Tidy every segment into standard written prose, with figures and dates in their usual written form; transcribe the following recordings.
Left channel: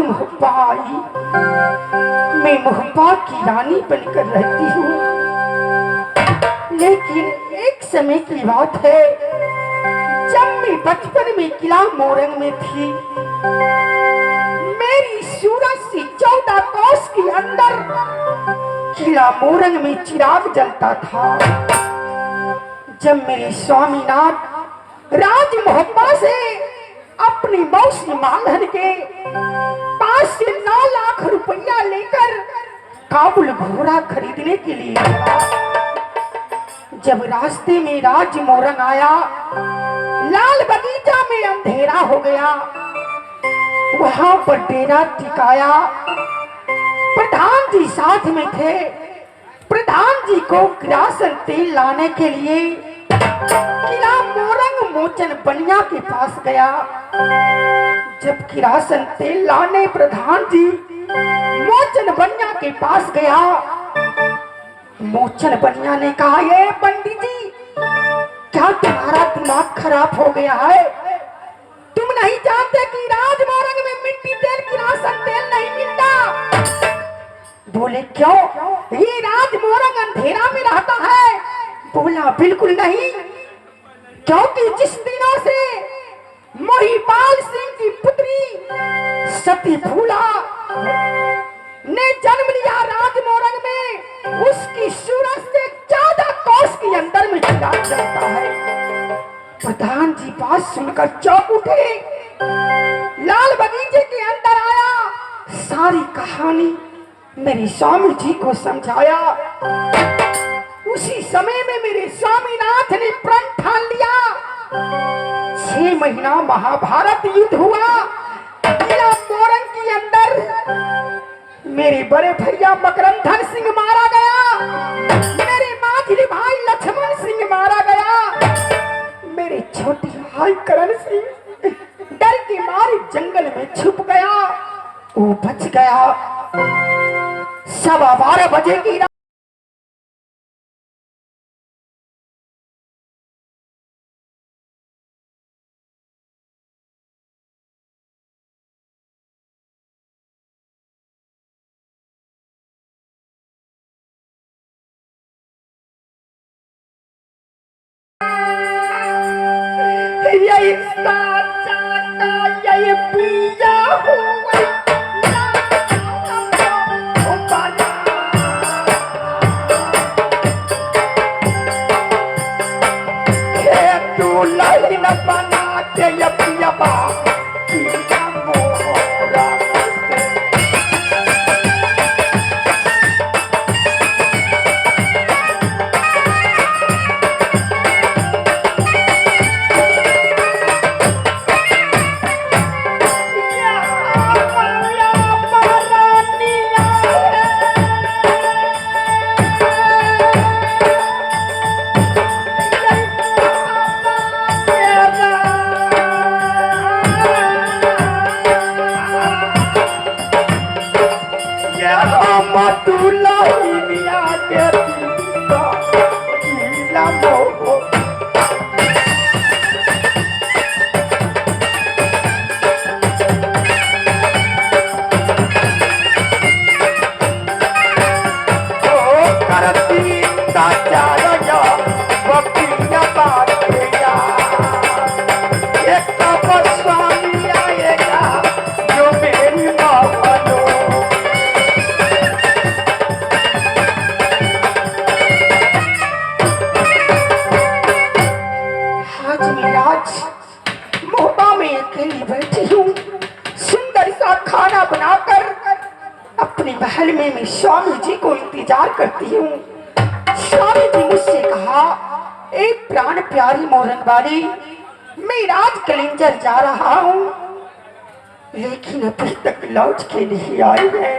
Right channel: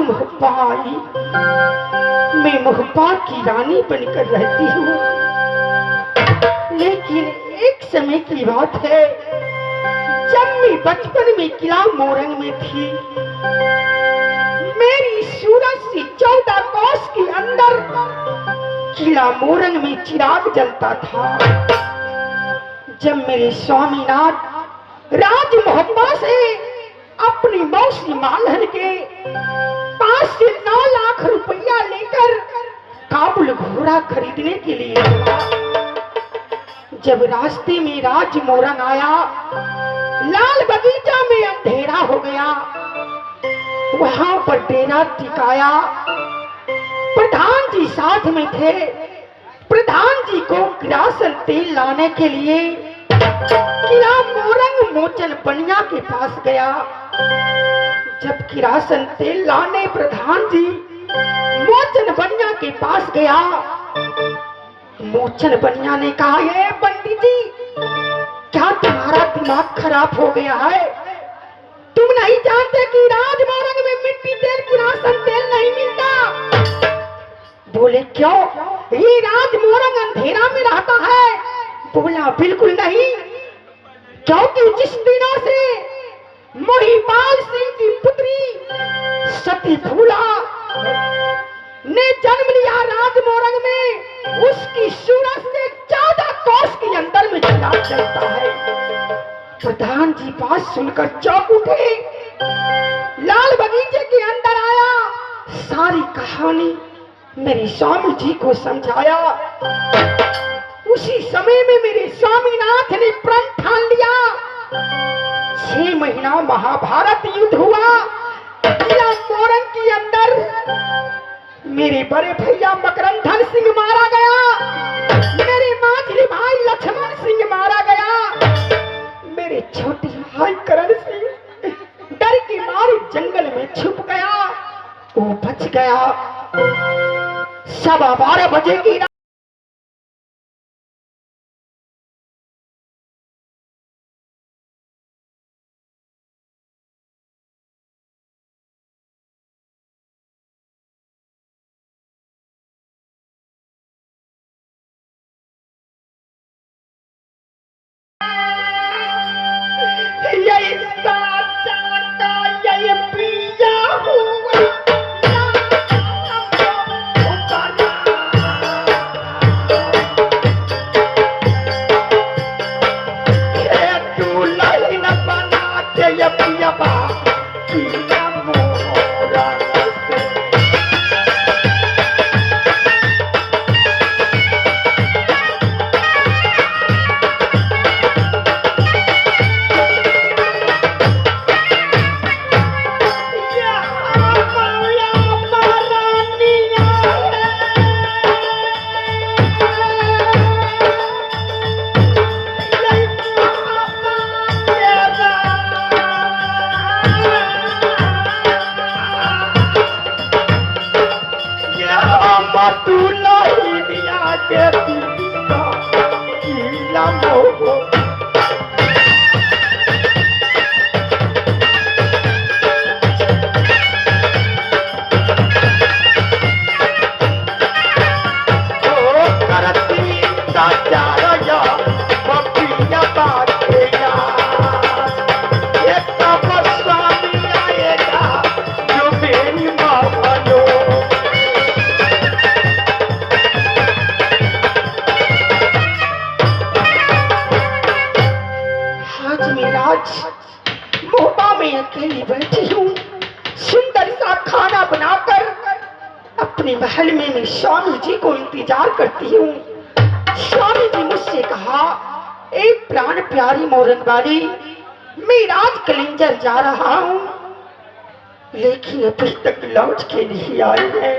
मोहब्बा आई, मैं मोहब्बा की रानी बनकर रहती हूँ। लेकिन एक समय की बात है, जब मैं बचपन में किला मोरंग में थी, मेरी सूरज से 14 कोस के अंदर किला मोरंग में चिराग जलता था। जब मेरे स्वामीनाथ राज मोहब्बा से अपनी मौसी मालहन के पास से 9 लाख रुपया लेकर काबुल घोड़ा खरीदने के लिए, जब रास्ते में राज मोरंग आया, लाल बगीचा में अंधेरा हो गया, वहां पर डेरा टिकाया। प्रधान जी साथ में थे। प्रधान जी को किरासन तेल लाने के लिए किला मोरंग मोचन बनिया के पास गया। जब किरासन तेल लाने प्रधान जी मोचन बनिया के पास गया, मोचन बनिया ने कहा, ये पंडित जी, क्या तुम्हारा दिमाग खराब हो गया है? तुम नहीं जानते कि राज मोरंग में मिट्टी तेल किरासन तेल नहीं मिलता? बोले क्यों? ये राज मोरंग अंधेरा में रहता है। बोला बिल्कुल नहीं, क्योंकि जिस दिनों से महिपाल सिंह की पुत्री सती फूला ने जन्म लिया राज मोरंग में, उसकी सूरज से 14 कोस के अंदर में चिराग जलता है। प्रधान जी बात सुनकर चौंक उठे, लाल बगीचे के अंदर आया, सारी कहानी मेरे स्वामी जी को समझाया। उसी समय में मेरे स्वामीनाथ ने प्रण ठान लिया। 6 महीना महाभारत युद्ध हुआ किला मोरंग के अंदर। मेरे बड़े भैया मकरंधन सिंह मारा गया, मेरे मांझली भाई लक्ष्मण सिंह मारा गया, मेरे छोटे भाई करण सिंह डर के मारे जंगल में छुप गया, वो बच गया। 12:15 बजे की यही साचा का यही पिया हुआ महल में मैं स्वामी जी को इंतजार करती हूँ। स्वामी जी मुझसे कहा, एक प्राण प्यारी मोरन वाली, मैं राज कलिंजर जा रहा हूँ, लेकिन अभी तक लौट के नहीं आए हैं।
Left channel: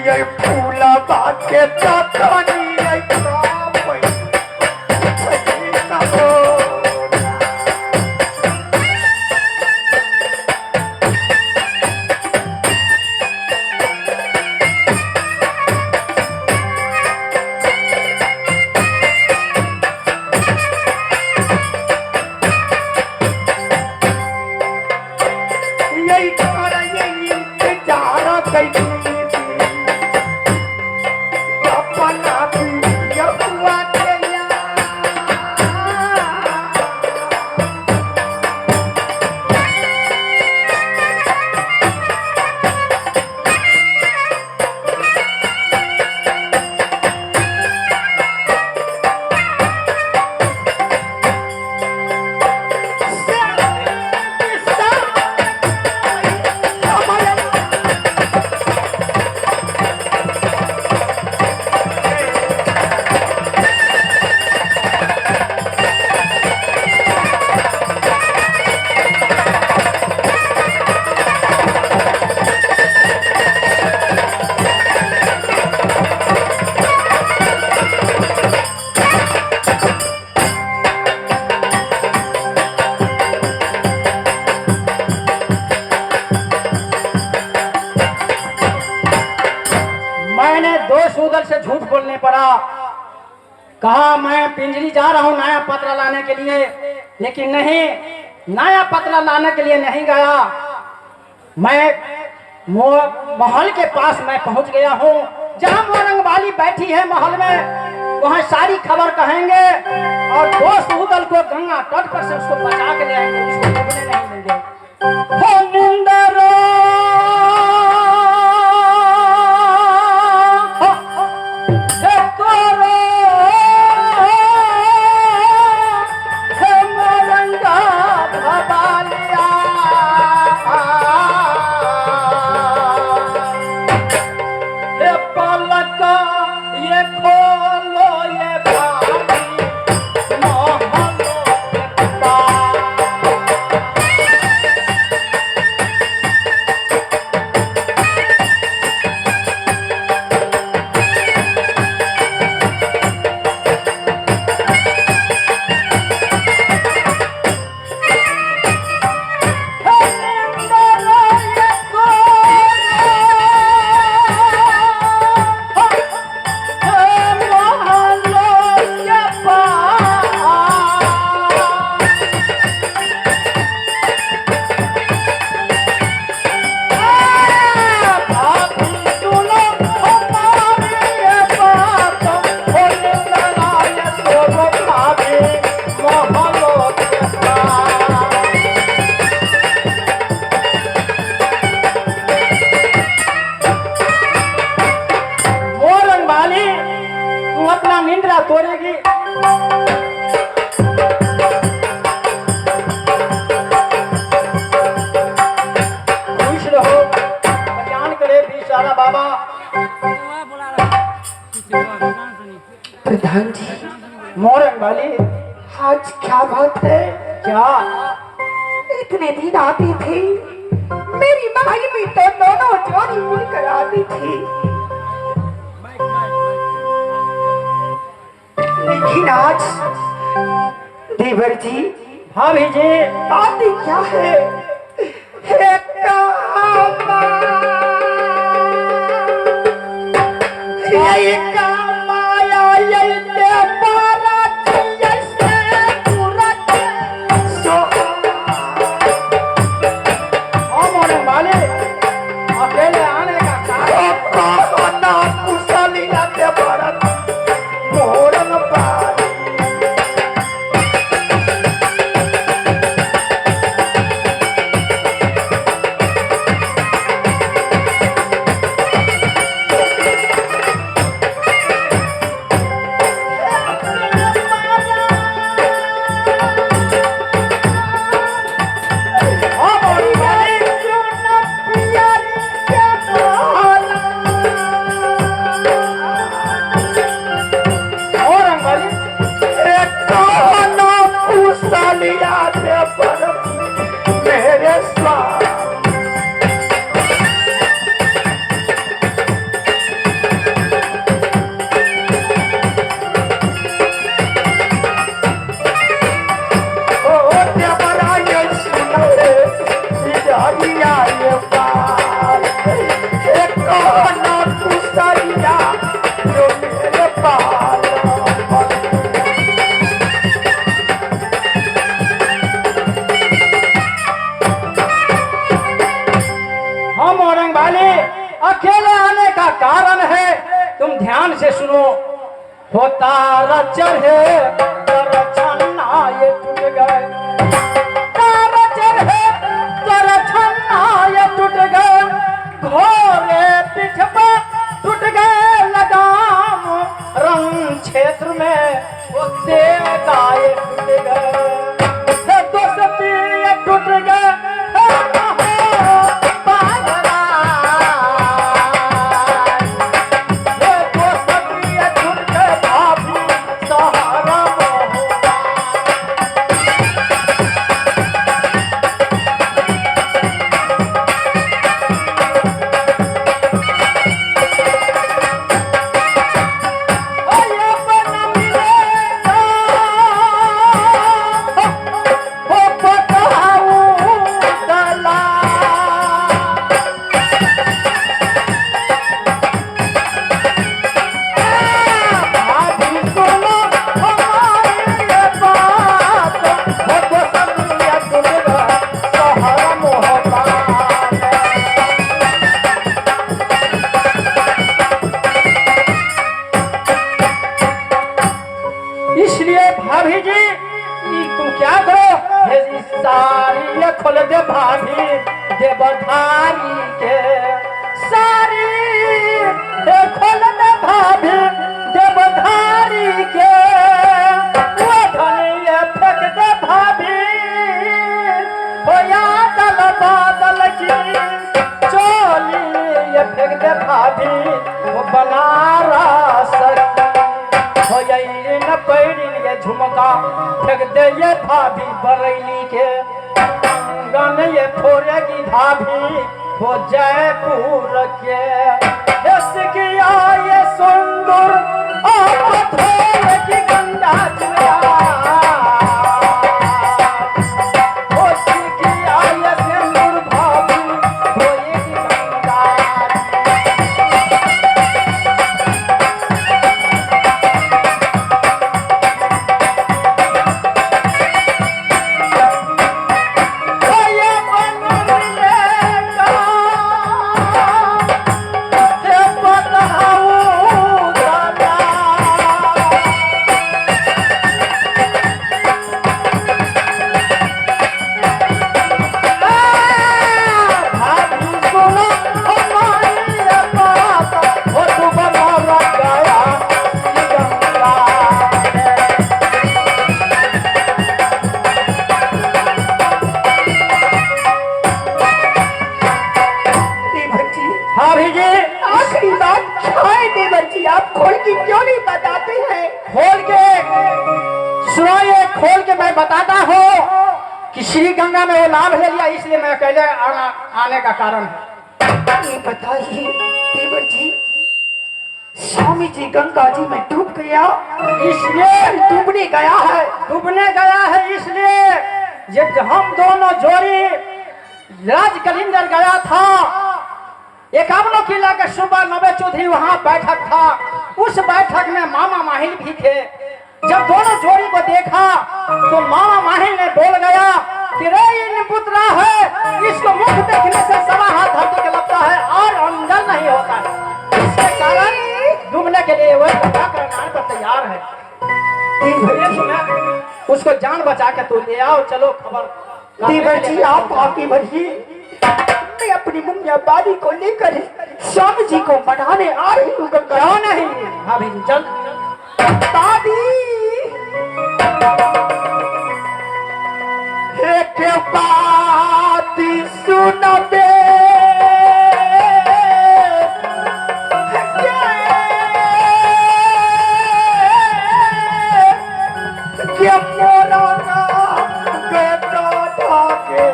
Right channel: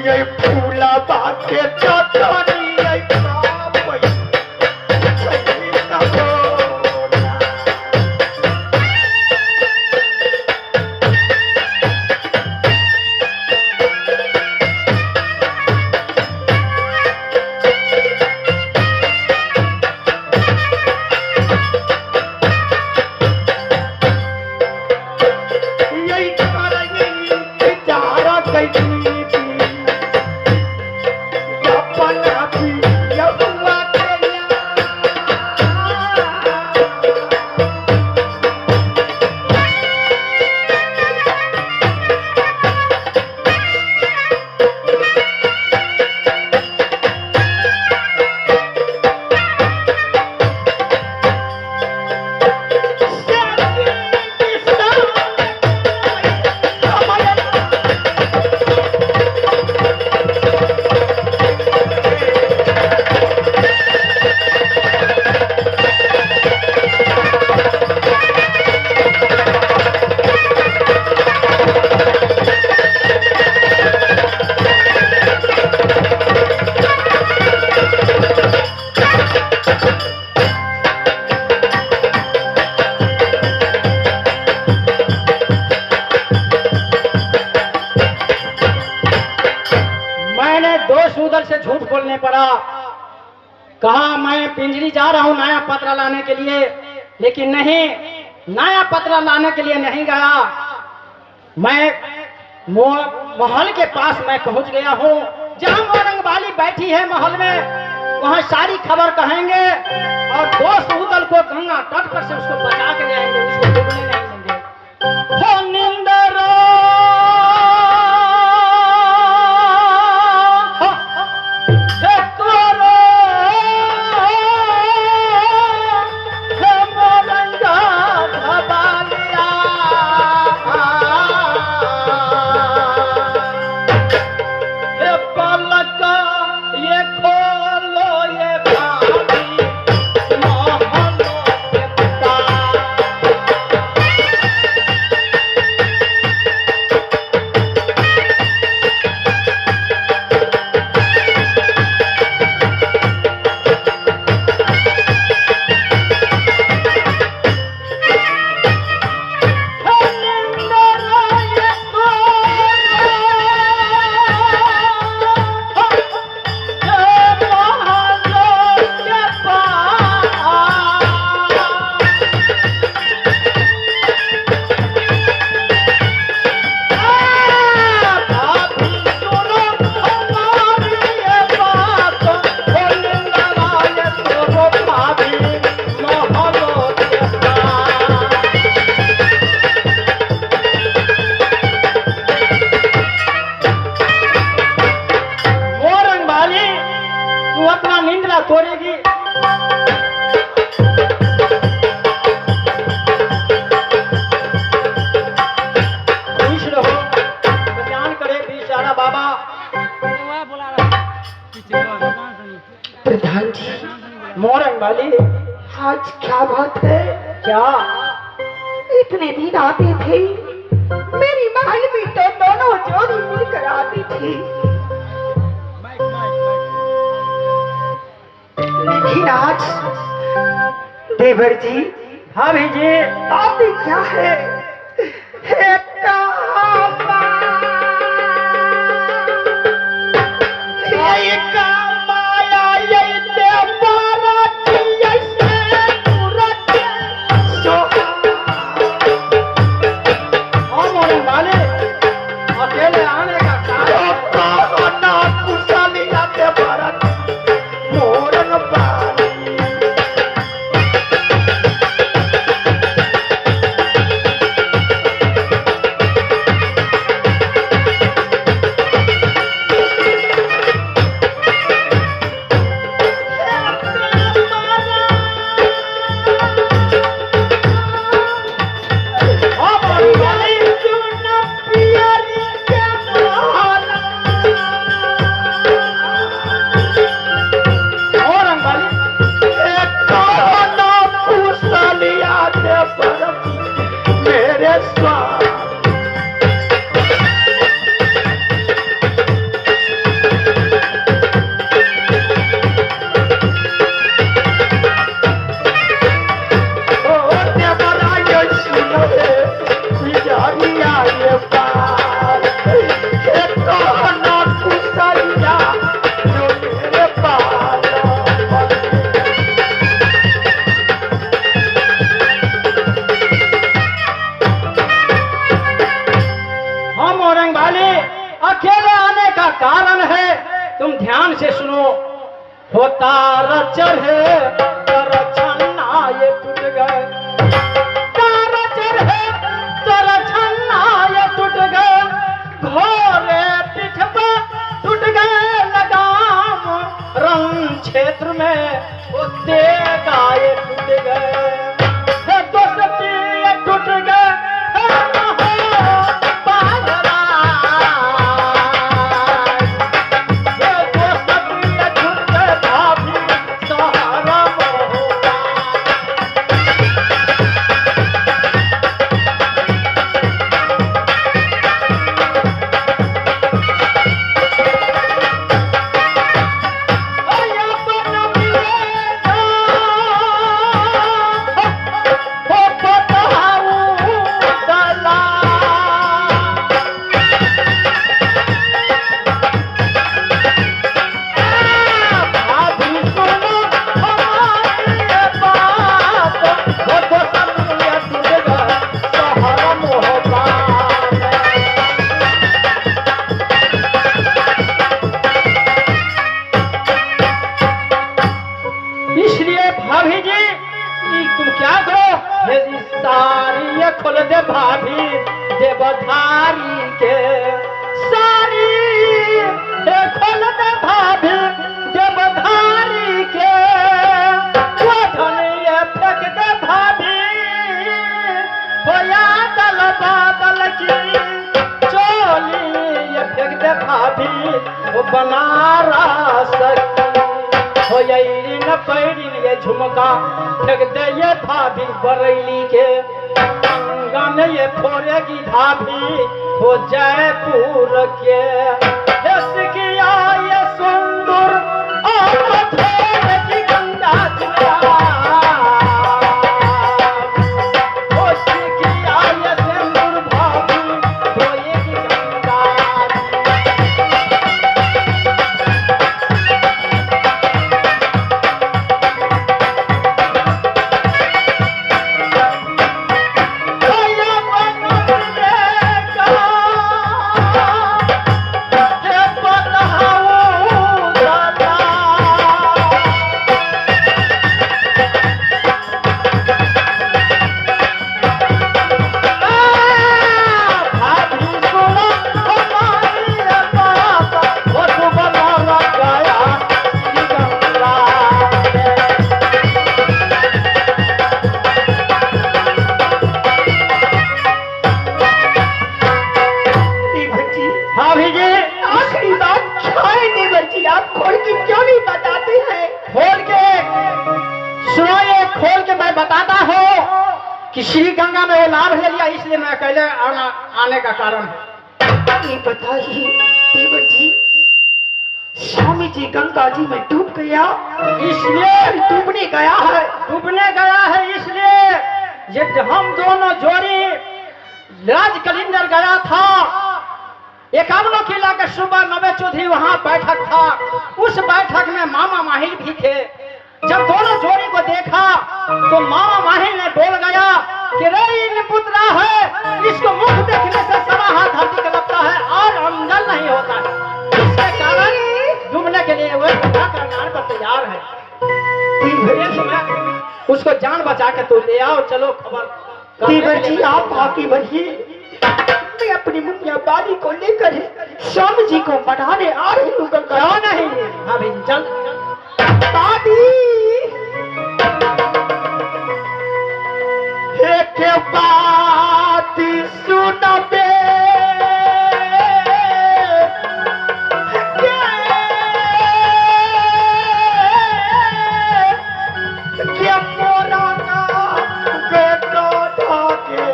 ये फूला बात के चौथानी बोलने पड़ा। कहा मैं पिंजरी जा रहा हूँ नया पत्र लाने के लिए, लेकिन नहीं, नया पत्र लाने के लिए नहीं गया। मैं महल के पास मैं पहुंच गया हूँ, जहाँ मोरंग वाली बैठी है महल में, वहाँ सारी खबर कहेंगे और दोस्त उदल को गंगा तट पर से उसको बचा के जाएंगे, उसको डूबने नहीं देंगे। प्रधान जी, मोरंग वाली, आज क्या बात है? क्या इतने दिन आती थी, मेरी महल में तो दोनों जोड़ी मिलकर आती थी, लेकिन आज देवर जी, भाभी जी, आपने क्या है? हो तारा चढ़े तर छन्ना ये टूट गए, तारा चढ़े तर छन्ना ये टूट गए, घोड़े पीठ पर टूट गए लगाम, रंग क्षेत्र में वो तेगा ये टूट गए, दोस्ती ये टूट गए, इसलिए भाभी जी तुम क्या करो, ये साड़ी ये खोल दे भाभी देवधारी के, साड़ी ये खोल दे भाभी देवधारी के, ये फेंक दे भाभी होया दल बादल की चोली, ये फेंक दे भाभी वो बनारस हो जाई न पैरी ये झुमका फेंक दे ये भाभी बरैली के, गन ये फोड़ेगी भाभी हो जयपुर के, किया ये सुंदर फोड़ेगी गंगा जिला, किया ये सिंदूर भाभी होएगी गंगा। सुनाइए खोल के मैं बताता हूँ कि श्री गंगा में ये लाभ ले लिया, इसलिए मैं अकेले आने का कारण है। ये बताइए देवर जी, स्वामी जी गंगा जी में डूब गया, इसलिए डूबने गया है, डूबने गया है, इसलिए ये हम दोनों जोड़ी राज कलिंदर गया था, 51 किला के सुबह 90 चौधरी वहां बैठक था, उस बैठक में मामा माहिर भी थे। जब दोनों जोड़ी को देखा तो मामा माहिर ने बोल गया कि रे ये पुत्रा है, इसको मुख देखने से सवा हाथ धरती का लगता है और अंदर नहीं होता, इसके कारण डूबने के लिए वह बचा करने पर तैयार है। उसको जान बचा के तो ले आओ, चलो खबर। देवर जी आप आगे बढ़िए, मैं अपनी मुनिया बादी को लेकर स्वामी जी को मनाने आ रही हूँ। क्यों नहीं अभी चल दादी एक बात सुन बे, क्या मोरना बेटा ठाके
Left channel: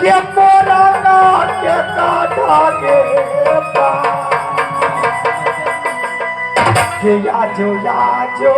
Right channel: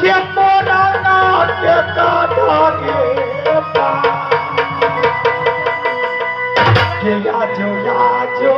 क्या मोरना के काटा के याजो याजो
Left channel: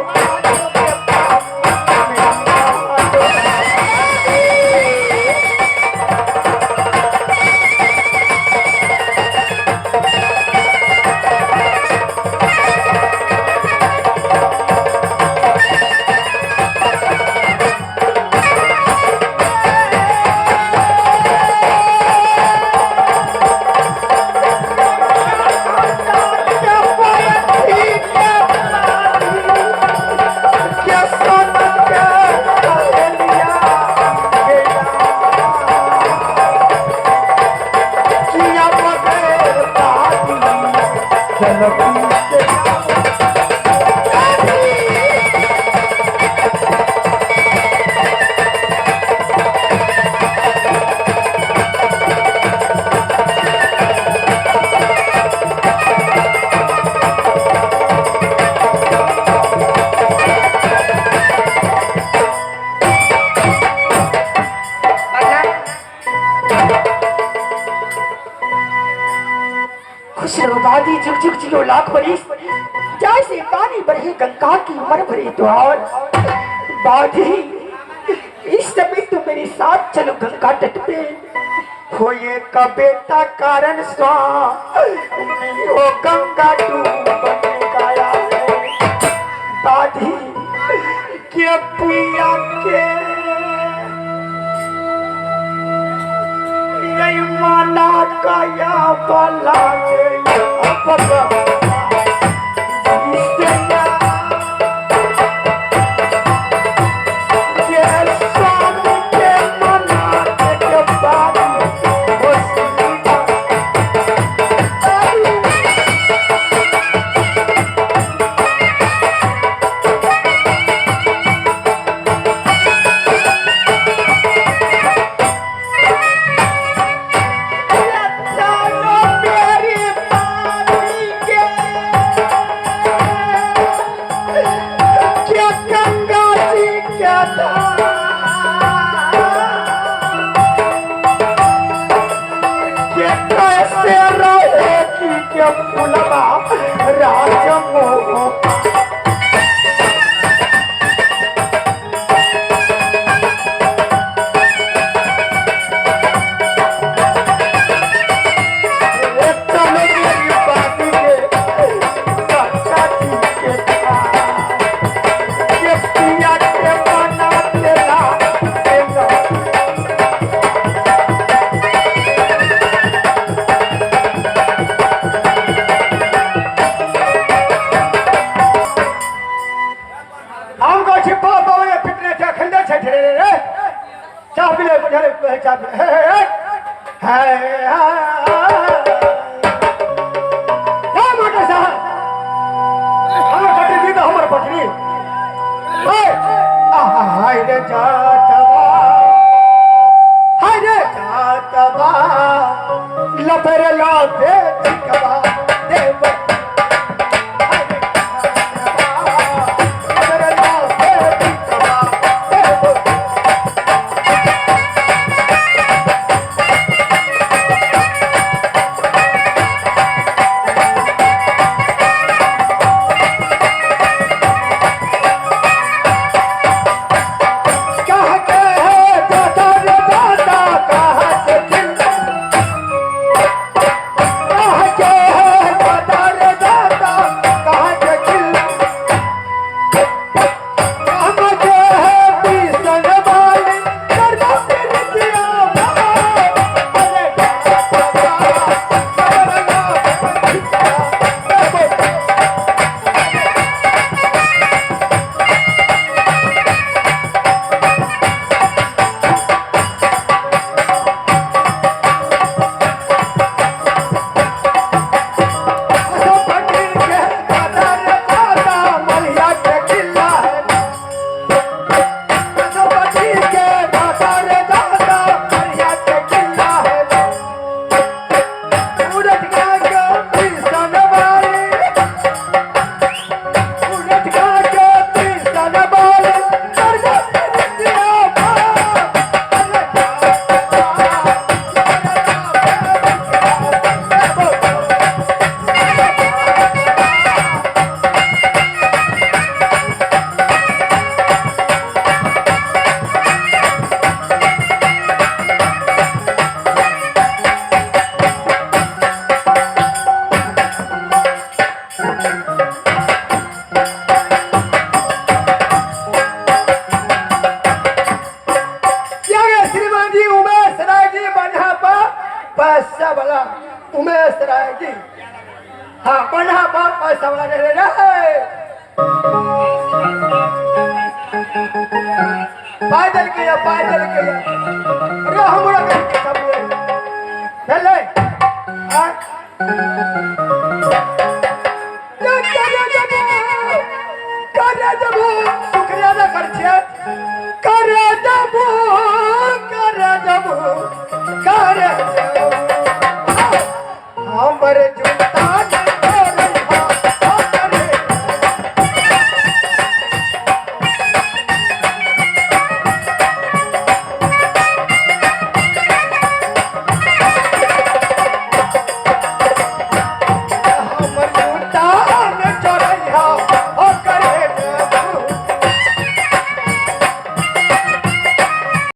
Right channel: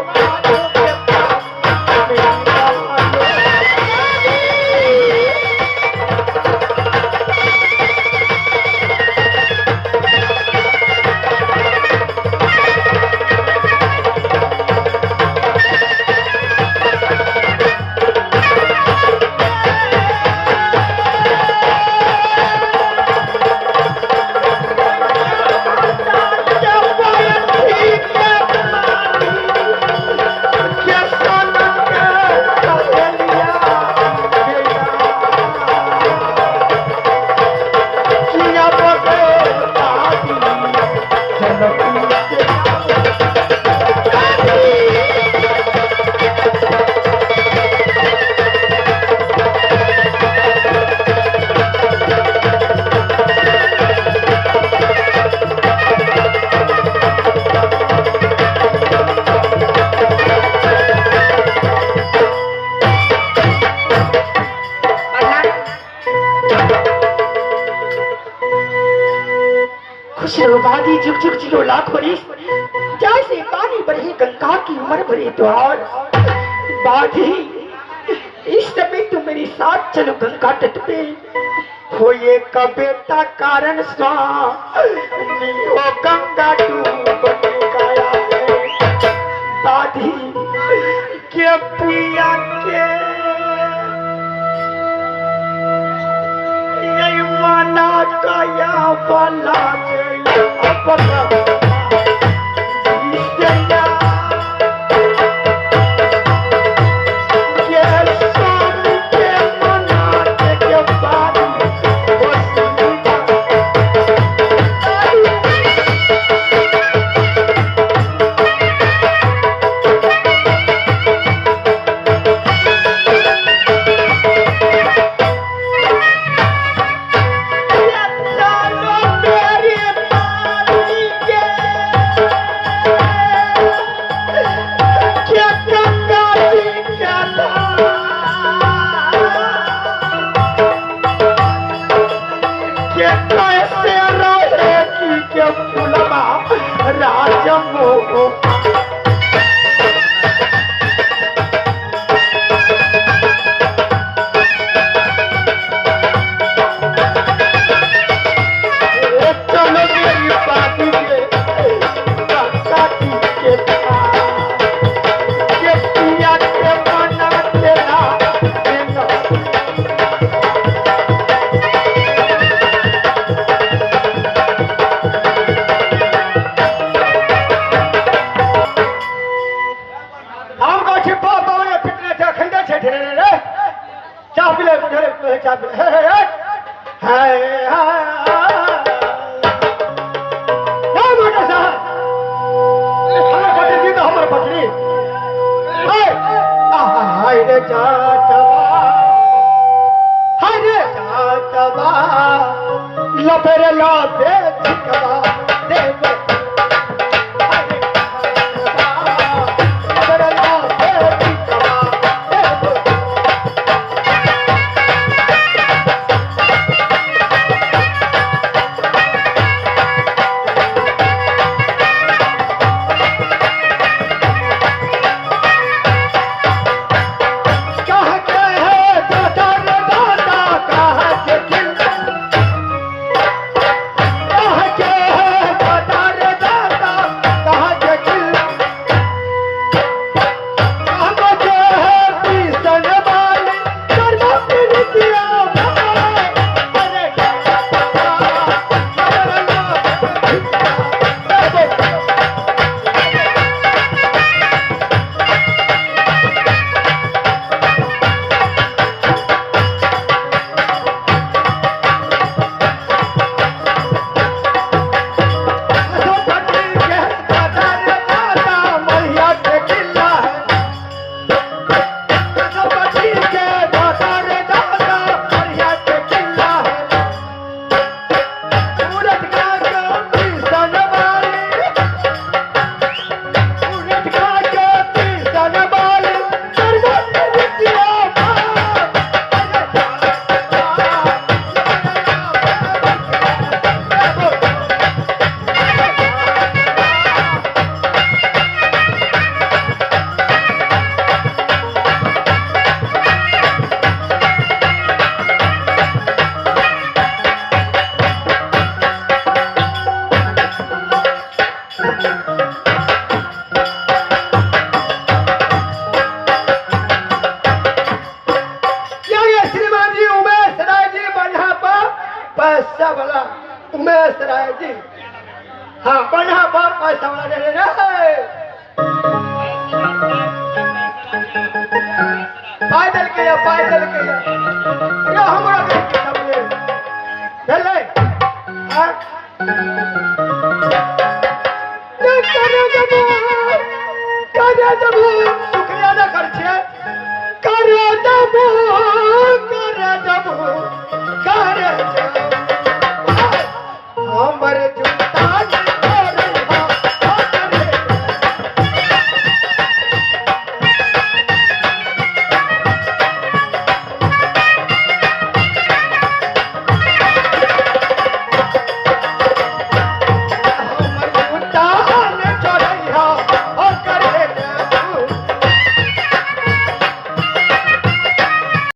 बाजी झुक झुक जियो लाख बरिस जैसे पानी बरहे गंगा की उम्र भरे द्वार। बाजी इस समय तुम मेरे साथ चलो गंगा तट पे, हो ये का बेटा कारण स्वामी हो गंगा डूबने गया है। बाजी के पिया के ये मना गया बला गया कर